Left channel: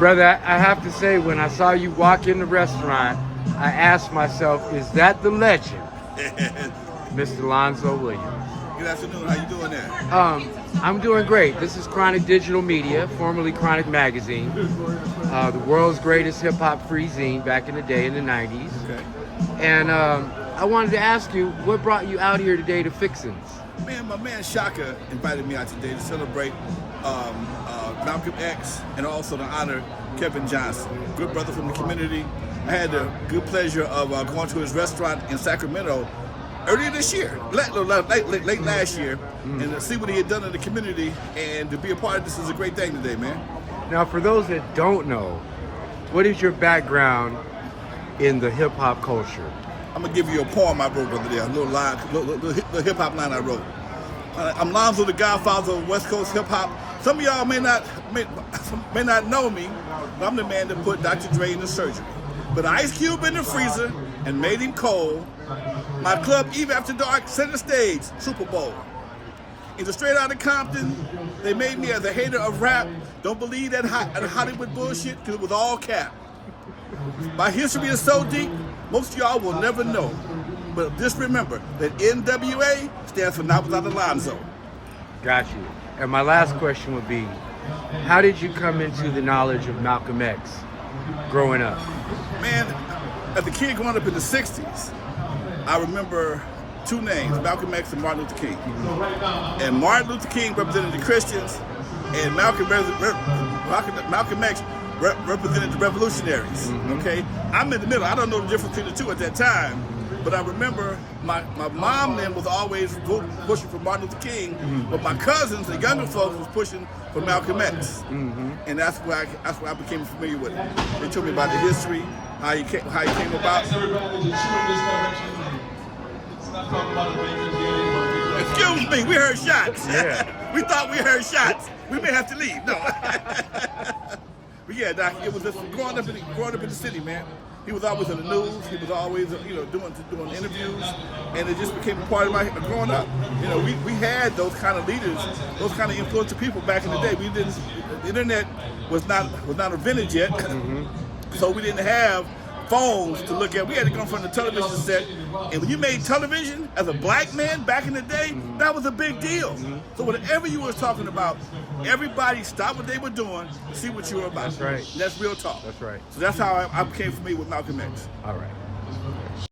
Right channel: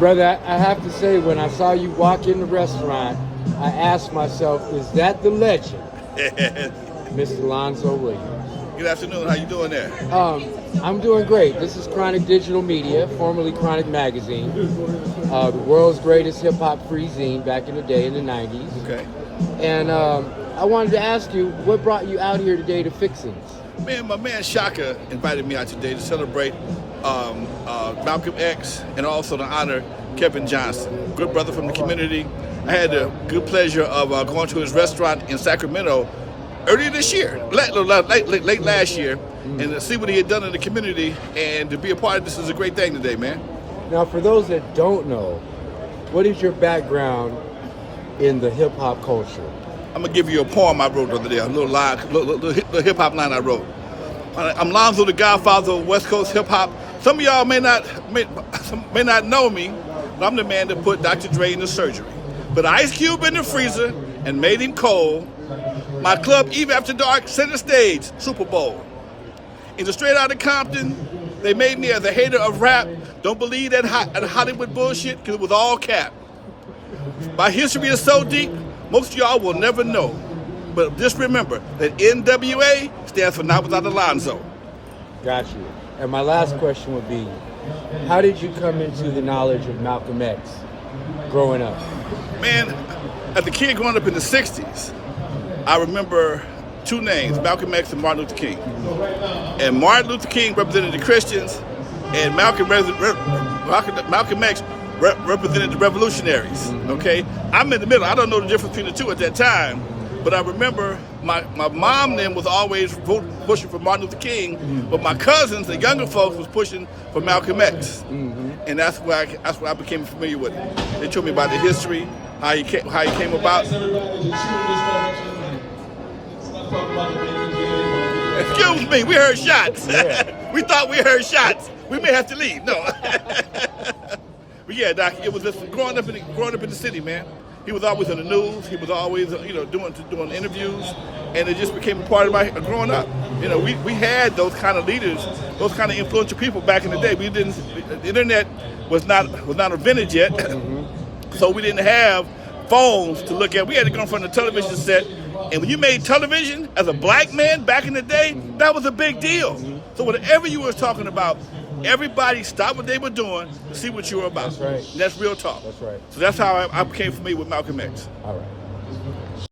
Brother, I have to say, when I saw you walk in the restaurant, I asked myself, is that the legend, Mr. Lonzo Williams? Good afternoon. How you doing there? I'm doing great. This is Chronic Digital Media, formerly Chronic Magazine, the world's greatest hip-hop free zine back in the day in the 90s. Okay. And I wanted to ask you, what brought you out here today to Fixins? Man, my man Shaka invited me out today to celebrate Malcolm X and also to honor Kevin Johnson, good brother from the community. I had the good pleasure of going to his restaurant in Sacramento earlier this year, late last year, and to see what he had done in the community and to be a part of this is a great thing today, man. Now, for those that don't know, what is your background in the hip-hop culture? I'm gonna give you a poem I wrote the other day, a little hip hop line I wrote. I'm Lonzo, the Godfather of West Coast hip hop. Some of y'all may not know me, but I'm the man that put Dr. Dre in the surgery. Put Ice Cube in the freezer and made him cold. My club, Eve After Dark, center stage, Super Bowl. In the Straight Outta Compton, they made me as a hater of rap. Don't believe that Hollywood bullshit, because it was all cap. My history is so deep, most of y'all will never know. But just remember that NWA stands for Not Without Alonzo. Got you. And my last question would be, how did you come into the knowledge of Malcolm X growing up? Man, as a kid growing up in the 60s, I remember two names, Malcolm X and Martin Luther King. And Martin Luther King represented the Christians, and Malcolm X represented the revolutionaries, okay? I'm in the middle. I don't know the difference between the two at that time, but I remember my mom then was always pushing for Martin Luther King, but my cousins, the younger folks, was pushing for Malcolm X. And that's where I became familiar with it. They told me about the history, how he came about. Excuse me, we heard shots. Yeah. We thought we heard shots. We may have to leave. No. But yeah, Doc, it was just growing up in the city, man. He was always in the news. He was always, doing interviews, and it just became a part of my growing up. We had those kind of leaders, those kind of influential people back in the day. The internet was not invented yet, so we didn't have phones to look at. We had to go in front of the television set, and when you made television as a black man back in the day, that was a big deal. So whatever you were talking about, everybody stopped what they were doing to see what you were about. That's right. And that's real talk. That's right. So that's how I became familiar with Malcolm X. All right.